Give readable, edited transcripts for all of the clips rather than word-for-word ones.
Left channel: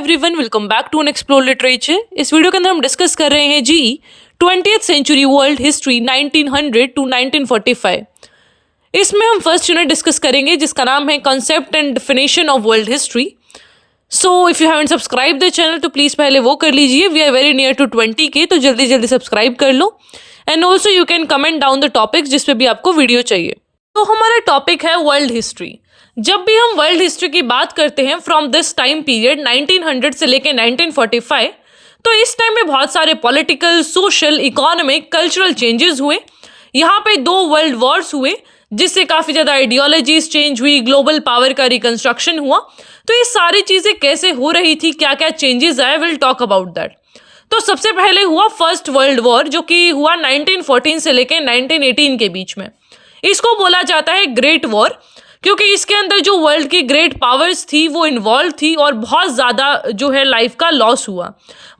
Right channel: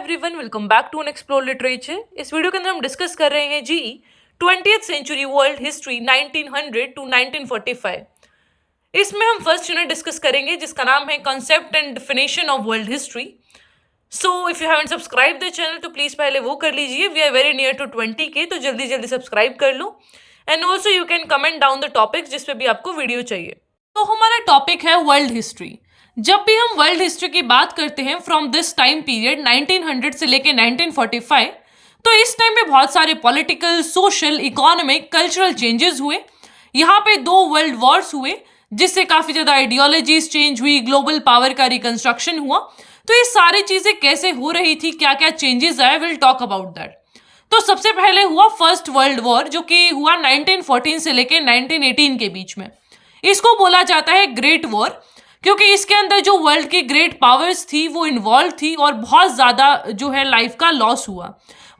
Everyone, welcome back to an explore literature. इस video के अंदर हम डिस्कस कर रहे हैं जी 20th century world history 1900 to 1945। इसमें हम फर्स्ट यूनिट डिस्कस करेंगे जिसका नाम है concept and definition of world history. So if you haven't subscribe the channel तो प्लीज़ पहले वो कर लीजिए। We are very near to 20 K, तो जल्दी जल्दी सब्सक्राइब कर लो। And also you can comment down the topics जिस पे भी आपको वीडियो चाहिए। तो हमारा टॉपिक है वर्ल्ड हिस्ट्री। जब भी हम वर्ल्ड हिस्ट्री की बात करते हैं फ्रॉम दिस टाइम पीरियड 1900 से लेके 1945, तो इस टाइम में बहुत सारे political, social, economic, cultural changes हुए। यहाँ पे 2 वर्ल्ड वॉर्स हुए जिससे काफ़ी ज़्यादा आइडियोलॉजीज चेंज हुई, ग्लोबल पावर का रिकंस्ट्रक्शन हुआ। तो ये सारी चीज़ें कैसे हो रही थी, क्या क्या चेंजेस आए, विल टॉक अबाउट दैट। तो सबसे पहले हुआ फर्स्ट वर्ल्ड वॉर जो कि हुआ 1914 से लेके 1918 के बीच में। इसको बोला जाता है ग्रेट वॉर क्योंकि इसके अंदर जो वर्ल्ड की ग्रेट पावर्स थी वो इन्वॉल्व थी और बहुत ज़्यादा जो है लाइफ का लॉस हुआ।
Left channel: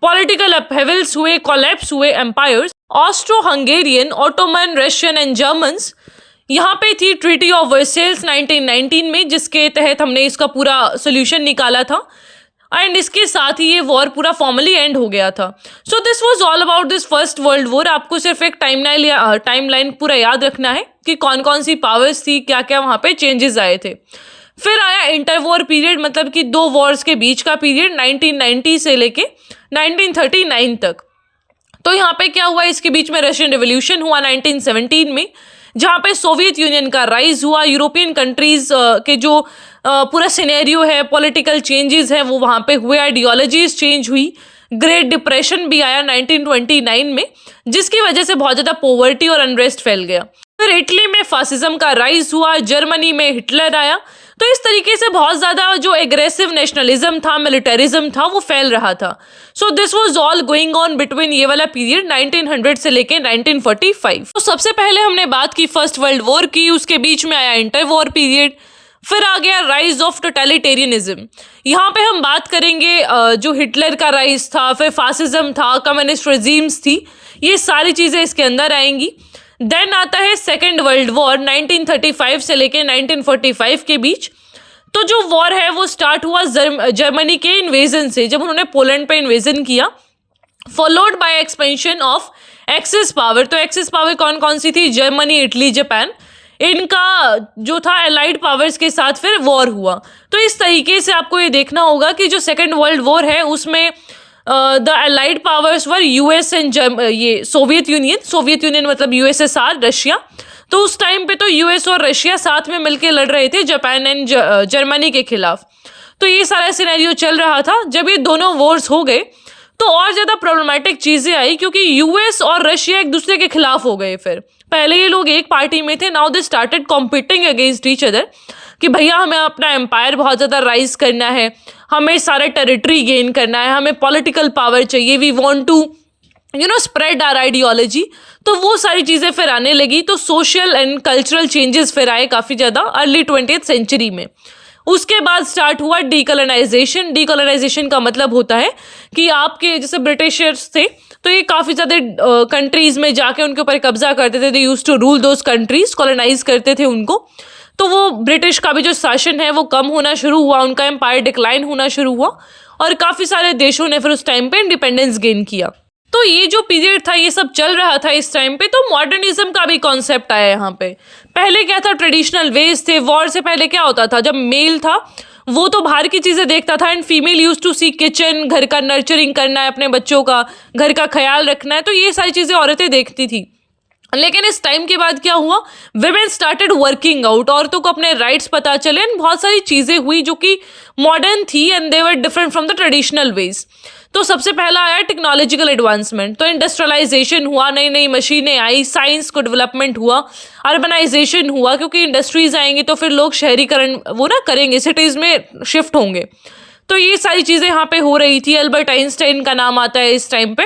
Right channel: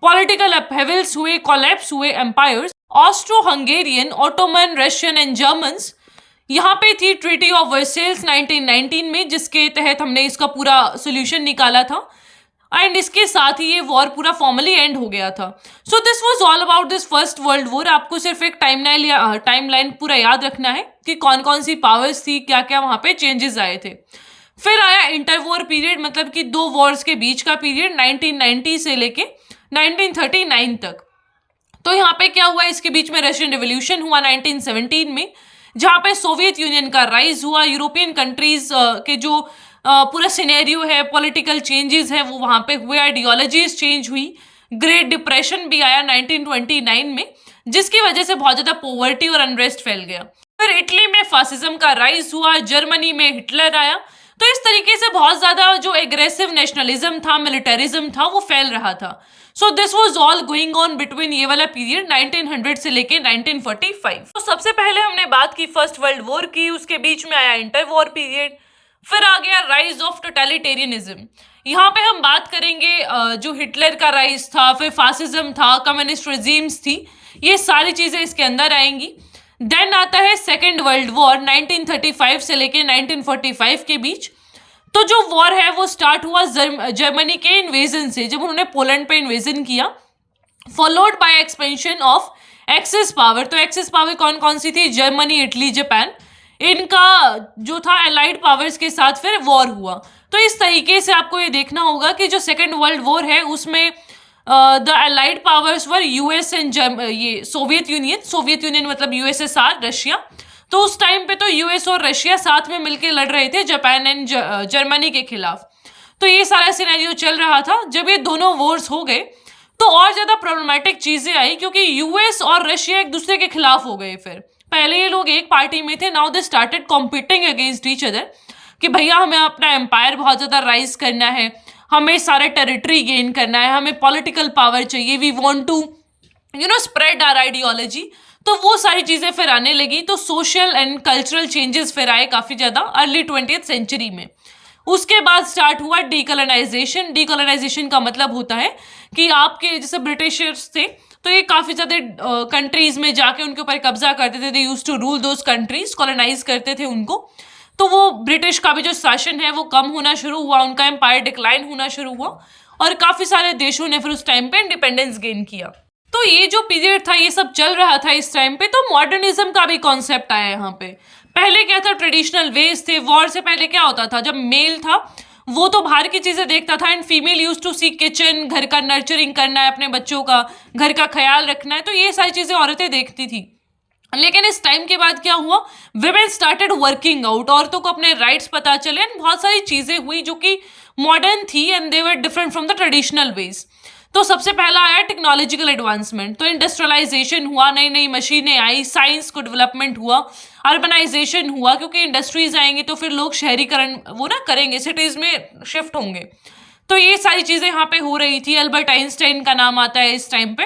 पॉलिटिकल अपहेवल्स हुए, कोलैप्स हुए empires. Austro Hungarian, Ottoman, Russian and Germans. यहाँ पे थी ट्रीटी ऑफ वर्सेल्स 1919 में, जिसके तहत हमने इसका पूरा सोल्यूशन निकाला था एंड इसके साथ ही ये वॉर पूरा फॉर्मली एंड हो गया था। So this was all about this first world war. आपको सिर्फ एक टाइमलाइन पूरा याद रखना है कि कौन कौन सी पावर्स थी, क्या क्या वहाँ पे चेंजेस आए थे। फिर आया इंटर वॉर पीरियड, मतलब कि 2 वॉर्स के बीच का पीरियड 1990 से लेके 1939 तक। तो यहाँ पे क्या हुआ, इसके बीच में रशियन रिवोल्यूशन हुआ 1917 में, जहाँ पे सोवियत यूनियन का राइज हुआ। यूरोपियन कंट्रीज के जो पूरा सिनेरियो है, पॉलिटिकल चेंजेस है, वो वहाँ पे हुए। आइडियोलॉजीज चेंज हुई। ग्रेट डिप्रेशन भी आया 1929 में, जिसकी वजह से बहुत ज़्यादा पॉवर्टी और अनरेस्ट फैल गया। फिर इटली में फासिज्म का राइज हुआ, जर्मनी में हिटलर आया। तो इस तरीके से बहुत ज़्यादा जो एग्रेसिव नेशनलिज्म था, मिलिटरिज्म था, वो फैल रहा था। So this was all going on between ये वाला पीरियड 1900 से लेके 1945। तो सबसे पहले हमने बात की फर्स्ट वर्ल्ड वॉर की, उसके बीच में आया इंटर वॉर पीरियड। फिर आ गया राइज ऑफ टोटलिटेरियनिज्म। यहाँ पे हम बात करेंगे जो हिटलर का राइज था, फिर फासिज्म था, कम्युनिस्ट रेजीम्स थी, ये सारी चीज़ें इसके अंदर आएंगी। देन आता है सेकेंड वर्ल्ड वॉर 1935 से लेके 1945 के बीच। तो जो वॉर है वो स्टार्ट हुआ जर्मनी के इन्वेजन से, जब उन्होंने पोलैंड पे इन्वेजन किया, followed by expansion of axis power. तो एक्सिस पावर कौन कौन सी थी? Germany, Italy, Japan. इनका जो था एलाइड पावर्स के साथ फिर वॉर हुआ। तो इस तरीके से आपको ये देखना होगा कि जो सेकेंड वर्ल्ड वॉर है उसमें the allied powers were US and ये सोवियत यूनियन मतलब यूएसएसआर, रशिया। तो उस टाइम पे तो यूएस और रशिया साथ में मिलकर लड़ रहे थे जापान एंड जर्मनी के खिलाफ। तो ये सारा सिनेरियो चल रहा था। जब ये दोनों वॉर्स हो गए तो और ज़्यादा प्रॉब्लमेटिक चीज़ें आई क्योंकि यूएस और रशिया एक दूसरे के खिलाफ हो गए। फिर पहले ये लोग एक पार्टी में थे, now they started competing against each other कि भैया हमें अपना एम्पायर बहुत ज़्यादा राइज करना है, हमें सारा टेरिटरी गेन करना है, हमें पॉलिटिकल पावर चाहिए, we want to spread our ideology. तो वो सारी चीज़ें फिर आने लगी। तो सोशल एंड कल्चरल चेंजेस फिर आए काफ़ी ज़्यादा अर्ली 20th सेंचुरी में। उसके बाद स्टार्ट हुआ डीकोलोनाइजेशन। डीकोलोनाइजेशन का मतलब होता है कि आपके जैसे ब्रिटिशर्स थे तो ये काफ़ी ज़्यादा कंट्रीज़ में जाके उनके ऊपर कब्जा करते थे। They used to rule those countries, colonize करते थे उनको। तो वो ब्रिटिश का भी जो शासन है वो कम होना शुरू हुआ, उनका एम्पायर डिक्लाइन होना शुरू हुआ और काफ़ी सारे देशों ने फिर उस टाइम पे इंडिपेंडेंस गेन किया। तो ये जो पीरियड था ये सब चल रहा था इस टाइम पे। तो मॉडर्निज्म का भी कॉन्सेप्ट आया यहाँ पे। पहले क्या था, ट्रेडिशनल वेज थे। वॉर से पहले क्या होता था, जब मेल था वो तो बाहर की चीज़ें देखता था and female use to see kitchen, घर का नर्चरिंग करना है, अपने बच्चों का, घर का ख्याल रखना है। तो ये सारी चीज़ें औरतें देखती थी। लेकिन इस टाइम के बाद क्या हुआ, विमेन स्टार्टेड वर्किंग आउट। औरतों को अपने राइट्स पता चले एंड बहुत सारी चीज़ें हुई जो कि मॉडर्न थी and they were different from the traditional ways. तो सबसे पहला आया टेक्नोलॉजिकल एडवांसमेंट। तो इंडस्ट्रियलाइजेशन हुआ, नई नई मशीनें आई, साइंस को डेवलपमेंट हुआ, अर्बनाइजेशन हुआ क्योंकि इंडस्ट्रीज आएंगी तो फिर लोग शहरीकरण वो ना करेंगे, सिटीज़ में शिफ्ट होंगे। तो ये सारी चीज़ें यहाँ पे हो रही थी। अल्बर्ट आइंस्टाइन का नाम आता है इस टाइम पे।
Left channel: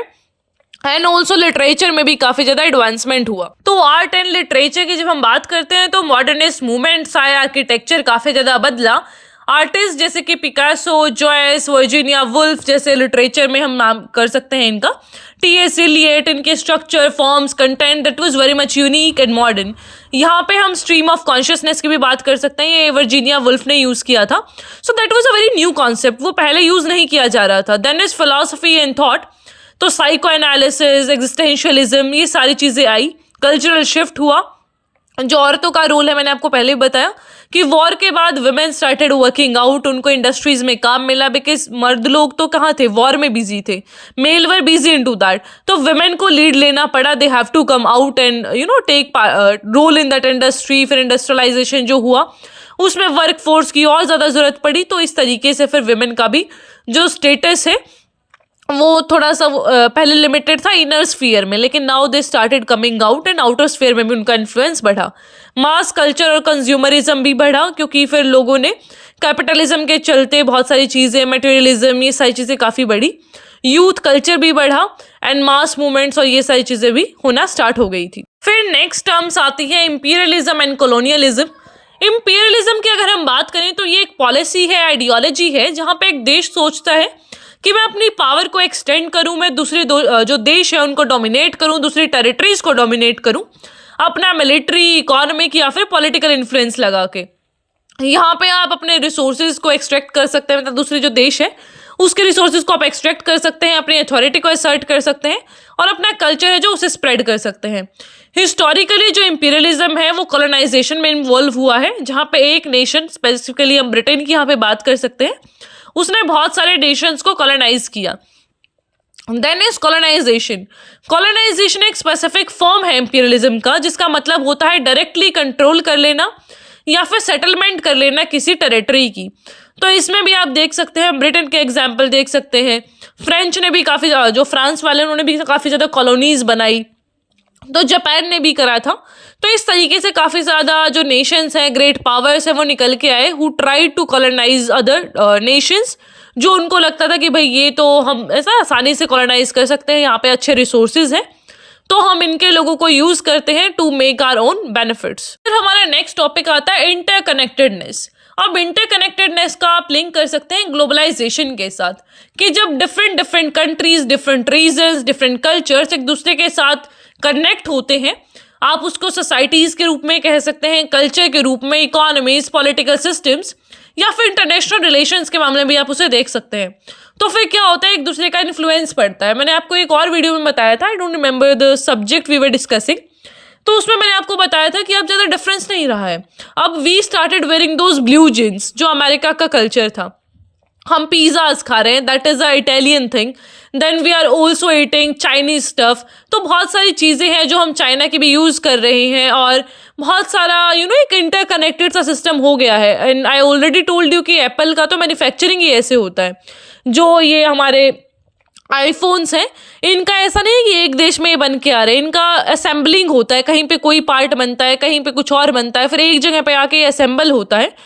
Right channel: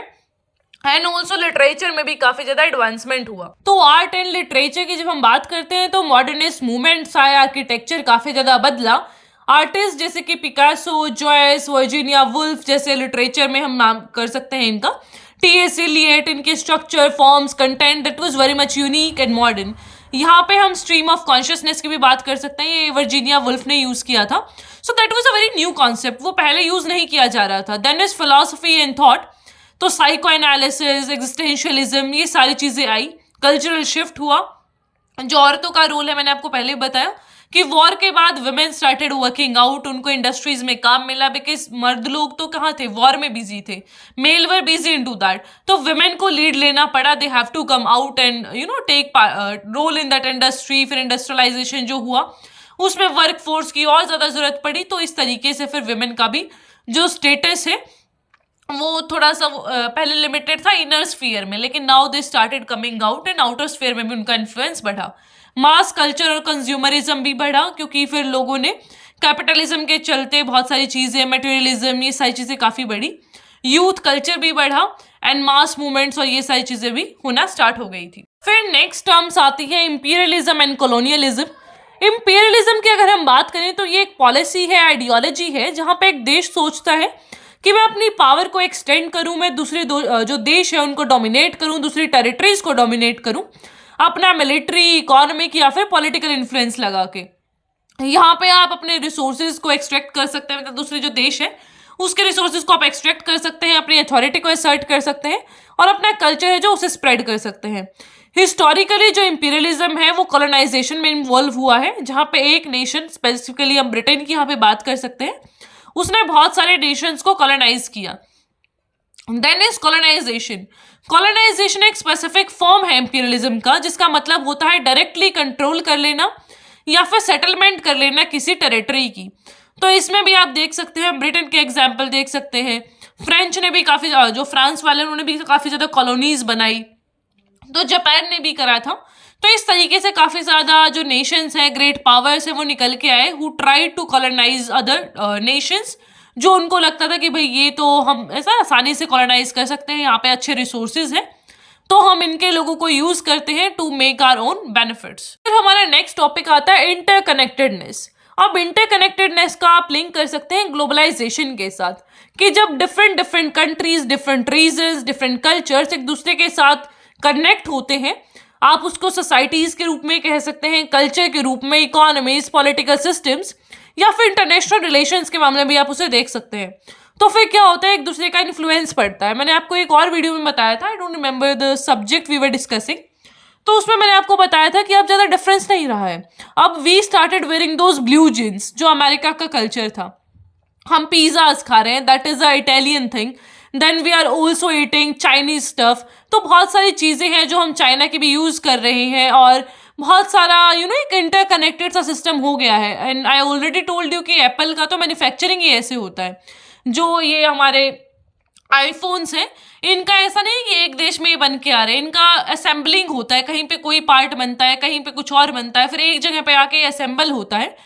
एंड ऑल्सो लिटरेचर में भी काफ़ी ज़्यादा एडवांसमेंट हुआ। तो आर्ट एंड लिटरेचर की जब हम बात करते हैं तो मॉडर्निस्ट मूवमेंट्स आए, आर्किटेक्चर काफ़ी ज़्यादा बदला। आर्टिस्ट जैसे कि पिकासो, जॉयस, वर्जीनिया वुल्फ जैसे लिटरेचर में हम नाम कर सकते हैं इनका। T.S. Eliot, इनके structure, forms, content, that was very much unique and modern. यहाँ पे हम स्ट्रीम ऑफ कॉन्शियसनेस की भी बात कर सकते हैं, ये वर्जीनिया वुल्फ ने यूज़ किया था। So that was a very new concept, वो पहले यूज़ नहीं किया जा रहा था। Then is philosophy and thought, तो साइको एनालिसिस, एग्जिस्टेंशियलिज्म, ये सारी चीज़ें आई। कल्चरल शिफ्ट हुआ, जो औरतों का रोल है मैंने आपको पहले ही बताया कि वॉर के बाद वुमेन स्टार्टेड वर्किंग आउट, उनको इंडस्ट्रीज में काम मिला, बिकॉज मर्द लोग तो कहाँ थे, वॉर में बिजी थे, male were busy into that, तो वुमेन को लीड लेना पड़ा, they have to come out and take role in that industry. फिर इंडस्ट्रियलाइजेशन जो हुआ उसमें वर्क फोर्स की और ज़्यादा ज़रूरत पड़ी, तो इस तरीके से फिर वुमेन का भी जो स्टेटस है वो थोड़ा सा पहले लिमिटेड था इनर स्फीयर में, लेकिन now they started coming out and outer sphere में भी उनका इन्फ्लुएंस बढ़ा। मास कल्चर और कंज्यूमरिज्म भी बढ़ा, क्योंकि फिर लोगों ने कैपिटलिज्म के चलते बहुत सारी चीज़ें, मटेरियलिज्म, ये सारी चीज़ें काफ़ी बढ़ी। यूथ कल्चर भी बढ़ा एंड मास मूवमेंट्स और ये सारी चीज़ें भी होना स्टार्ट हो गई थी। फिर नेक्स्ट टर्म्स आती है इंपीरियलिज्म एंड कॉलोनियलिज्म। इंपीरियलिज्म की अगर हम बात करें तो ये एक पॉलिसी है, आइडियोलॉजी है, जहाँ पे एक देश सोचता है कि मैं अपनी पावर को एक्सटेंड करूं, मैं दूसरे जो देश है उनको डोमिनेट करूं, दूसरी टेरिटरीज को डोमिनेट करूं, अपना मिलिट्री, इकोनॉमिक या फिर पॉलिटिकल इन्फ्लुएंस लगा के। यहाँ पे आप अपने रिसोर्सेज को एक्सट्रैक्ट कर सकते हैं, मतलब दूसरे जो देश है उसके रिसोर्सेज को आप एक्सट्रैक्ट कर सकते हैं, अपनी अथॉरिटी को असर्ट कर सकते हैं और अपना कल्चर है जो उसे स्प्रेड कर सकते हैं। हिस्टोरिकली जो इंपीरियलिज्म है वो कॉलोनाइजेशन में इन्वॉल्व हुआ है, जहाँ पे एक नेशन, स्पेसिफिकली हम ब्रिटेन की यहाँ पे बात कर सकते हैं, उसने बहुत सारे नेशंस को कॉलोनाइज किया। Then is colonization. कॉलोनाइजेशन एक स्पेसिफिक फॉर्म है इंपीरियलिज्म का, जिसका मतलब होता है डायरेक्टली कंट्रोल कर लेना या फिर सेटलमेंट कर लेना किसी टेरिटरी की। तो इसमें भी आप देख सकते हैं, ब्रिटेन के एग्जाम्पल देख सकते हैं, फ्रेंच ने भी काफ़ी, जो फ्रांस वाले उन्होंने भी काफ़ी ज़्यादा कॉलोनीज बनाई, तो जापान ने भी करा था। तो इस तरीके से काफ़ी ज़्यादा जो नेशंस हैं, ग्रेट पावर्स हैं, वो निकल के आए who try to colonize other nations, जो उनको लगता था कि भाई ये तो हम ऐसा आसानी से कॉलोनाइज कर सकते हैं, यहाँ पे अच्छे रिसोर्सेज हैं, तो हम इनके लोगों को यूज़ करते हैं to make our own benefits. फिर हमारा नेक्स्ट टॉपिक आता है इंटरकनेक्टेडनेस। अब इंटरकनेक्टेडनेस का आप लिंक कर सकते हैं ग्लोबलाइजेशन के साथ, कि जब different countries, different regions, different cultures एक दूसरे के साथ कनेक्ट होते हैं, आप उसको सोसाइटीज़ के रूप में कह सकते हैं, कल्चर के रूप में, इकोनॉमीज, पॉलिटिकल सिस्टम्स, या फिर इंटरनेशनल रिलेशंस के मामले में भी आप उसे देख सकते हैं। तो फिर क्या होता है, एक दूसरे का इन्फ्लुएंस पड़ता है। मैंने आपको एक और वीडियो में बताया था, I don't remember the subject we were discussing, तो उसमें मैंने आपको बताया था कि अब ज़्यादा डिफरेंस नहीं रहा है। अब we started wearing those blue jeans, जो अमेरिका का कल्चर था। हम पिज़्ज़ाज खा रहे हैं, that is a Italian thing. Then we are also eating Chinese stuff. तो बहुत सारी चीज़ें हैं जो हम चाइना की भी यूज़ कर रहे हैं, और बहुत सारा एक इंटरकनेक्टेड सा सिस्टम हो गया है। And I already told you कि एप्पल का तो मैन्युफैक्चरिंग ही ऐसे होता है। जो ये हमारे आईफोन्स हैं, इनका ऐसा नहीं है कि एक देश में ये बन के आ रहे हैं, इनका असेंबलिंग होता है, कहीं पे कोई पार्ट बनता है, कहीं पे कुछ और बनता है, फिर एक जगह पे आके असेंबल होता है।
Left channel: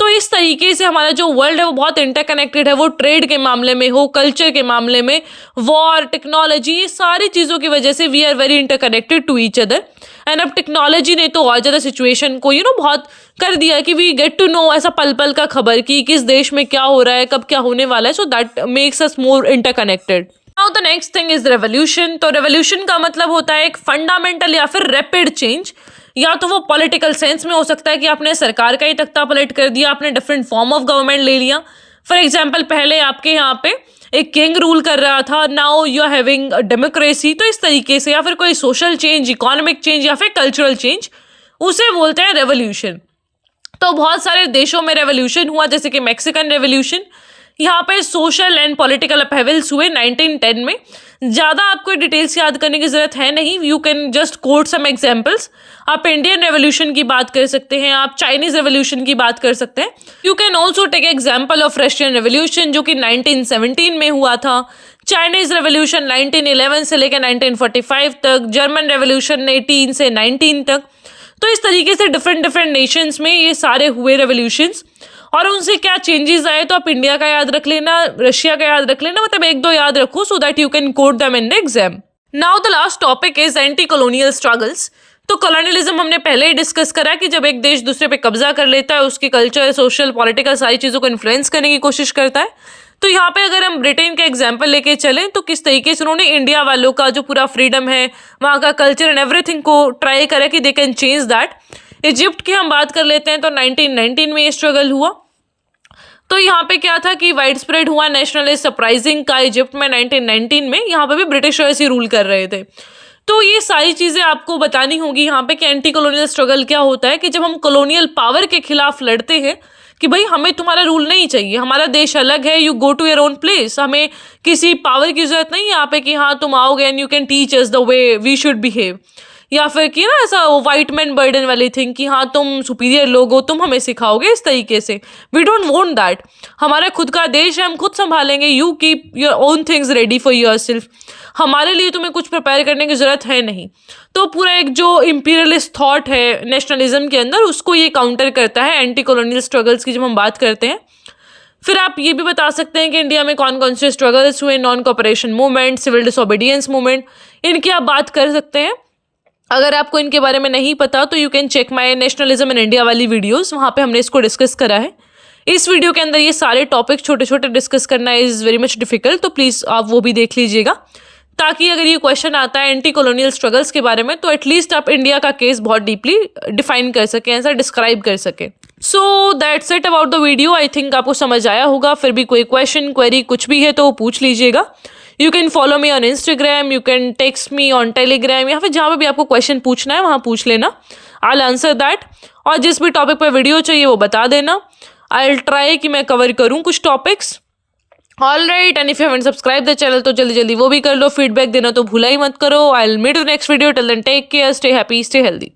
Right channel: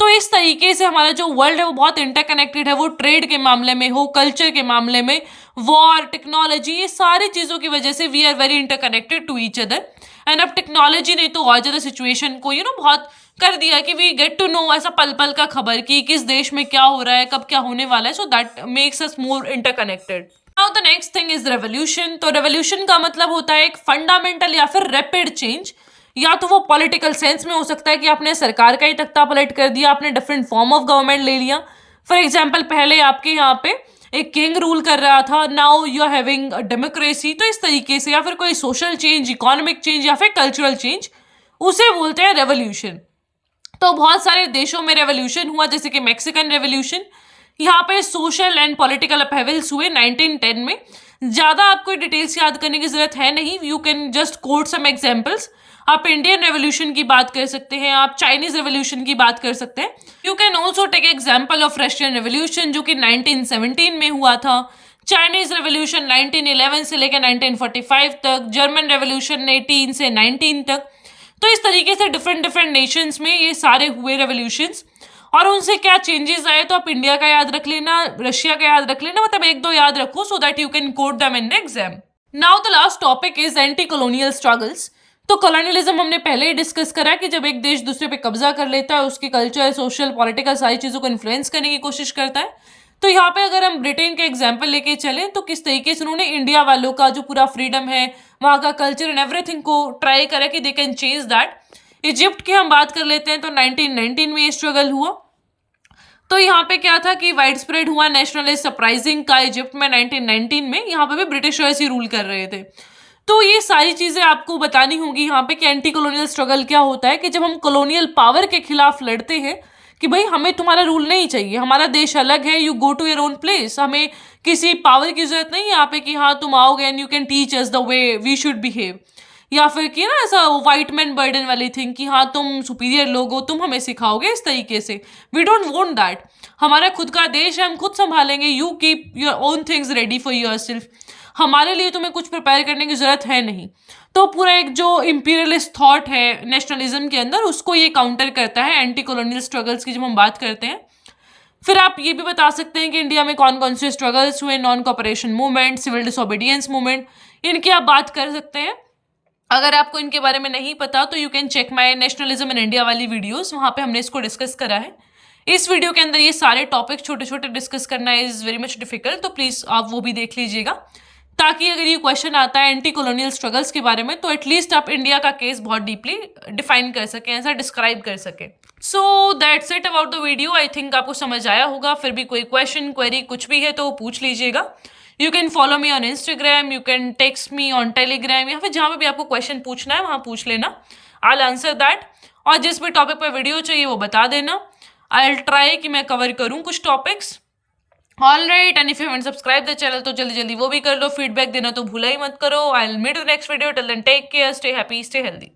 तो इस तरीके से हमारा जो वर्ल्ड है वो बहुत इंटरकनेक्टेड है, वो ट्रेड के मामले में हो, कल्चर के मामले में, वॉर, टेक्नोलॉजी, ये सारी चीज़ों की वजह से we are very interconnected to each other. And अब टेक्नोलॉजी ने तो और ज़्यादा सिचुएशन को बहुत कर दिया है कि वी गेट टू नो ऐसा पल पल का खबर कि किस देश में क्या हो रहा है, कब क्या होने वाला है। So that makes us more interconnected. Now the next thing is revolution. तो रेवोल्यूशन का मतलब होता है एक फंडामेंटल या फिर रैपिड चेंज। या तो वो पॉलिटिकल सेंस में हो सकता है कि आपने सरकार का ही तख्ता पलट कर दिया, आपने डिफरेंट फॉर्म ऑफ गवर्नमेंट ले लिया। फॉर एग्जाम्पल, पहले आपके यहाँ पे एक किंग रूल कर रहा था, now you are having democracy. तो इस तरीके से, या फिर कोई सोशल चेंज, इकोनॉमिक चेंज या फिर कल्चरल चेंज, उसे बोलते हैं रेवोल्यूशन। तो बहुत सारे देशों में रेवोल्यूशन हुआ, जैसे कि मैक्सिकन रेवोल्यूशन। यहाँ पे सोशल एंड पॉलिटिकल अपहेवल्स हुए 1910 में। ज़्यादा आपको डिटेल्स याद करने की ज़रूरत है नहीं, you can just quote some examples. आप इंडियन रेवोल्यूशन की बात कर सकते हैं, आप चाइनीज़ रेवोल्यूशन की बात कर सकते हैं। You can also take example of Russian revolution, जो कि 1917 में हुआ था। चाइनीज़ रेवोल्यूशन 1911 से लेकर 1945 तक, जर्मन रेवोल्यूशन 18 से 19 तक। तो इस तरीके से डिफरेंट नेशंस में ये सारे हुए रेवोल्यूशंस, और उनसे क्या चेंजेस आए। तो आप इंडिया का याद रख लेना, रशिया का याद रख लेना, मतलब एक दो याद रखो, so that you can coat them in exam. Now the last topic is anti colonial struggles. तो कॉलोनियलिज्म हमने पहले ही डिस्कस करा कि जब एक देश दूसरे पे कब्जा कर लेता है, उसकी कल्चर, सोशल, पॉलिटिकल सारी चीज़ों को इन्फ्लुएंस करने की कोशिश करता है। तो यहाँ पे अगर हम ब्रिटेन का एग्जाम्पल लेके चलें तो किस तरीके से उन्होंने इंडिया वालों का जो पूरा फ्रीडम है, वहाँ का कल्चर एंड एवरीथिंग को ट्राई करा कि they can change that. Egypt की हम बात कर लेते हैं तो 1919 में ये स्ट्रगल हुआ। तो यहाँ पे क्या था कि वाइड स्प्रेड हुआ नेशनलिस्ट सरप्राइजिंग का इजिप्ट में 1919 में। यहाँ पे भी ब्रिटिशर्स ही रूल कर रहे थे। तो ये सारी चीज़ें आपको बतानी होगी यहाँ पे कि एंटी कॉलोनियल स्ट्रगल क्या होता है, कि जब हम कॉलोनियल पावर के खिलाफ लड़ते हैं कि भाई हमें तुम्हारा रूल नहीं चाहिए, हमारा देश अलग है, you go to your own place, हमें किसी पावर की जरूरत नहीं है यहाँ पे कि हाँ तुम आओगे and you can teach us the way we should behave, या फिर कि ना ऐसा वाइट मैन बर्डन वाली थिंग कि हाँ तुम सुपीरियर लोग हो, तुम हमें सिखाओगे इस तरीके से। We don't want that. हमारा खुद का देश है, हम खुद संभालेंगे। You keep your own things ready for yourself. हमारे लिए तुम्हें कुछ प्रिपेयर करने की ज़रूरत है नहीं। तो पूरा एक जो इम्पीरियलिस्ट थॉट है नेशनलिज्म के अंदर, उसको ये काउंटर करता है एंटी कॉलोनियल स्ट्रगल्स की जब हम बात करते हैं। फिर आप ये भी बता सकते हैं कि इंडिया में कौन कौन से स्ट्रगल्स हुए, non cooperation movement, civil disobedience movement, इनकी आप बात कर सकते हैं। अगर आपको इनके बारे में नहीं पता तो you can check my nationalism in India वाली वीडियोज़, वहाँ पर हमने इसको डिस्कस करा है। इस वीडियो के अंदर ये सारे टॉपिक छोटे छोटे डिस्कस करना इज़ वेरी मच डिफिकल्ट, तो प्लीज़ आप वो भी देख लीजिएगा, ताकि अगर ये क्वेश्चन आता है एंटी कॉलोनियल स्ट्रगल्स के बारे में तो एटलीस्ट आप इंडिया का केस बहुत डीपली डिफाइन कर सकें, ऐसा डिस्क्राइब कर सकें। So that's it about the video. I think आपको समझ आया होगा। फिर भी कोई क्वेश्चन क्वेरी कुछ भी है तो वो पूछ लीजिएगा। You can follow me on Instagram, you can text me on Telegram, या फिर जहाँ पर भी आपको क्वेश्चन पूछना है वहाँ पूछ लेना। I will answer that. और जिस भी टॉपिक पर वीडियो चाहिए वो बता देना। आई विल ट्राई कि मैं कवर करूँ कुछ topics. All right, and if you haven't subscribe the channel तो जल्दी जल्दी वो भी कर लो। फीडबैक देना तो भूला ही मत करो। I will meet you next video. Till then take care, stay happy, stay healthy.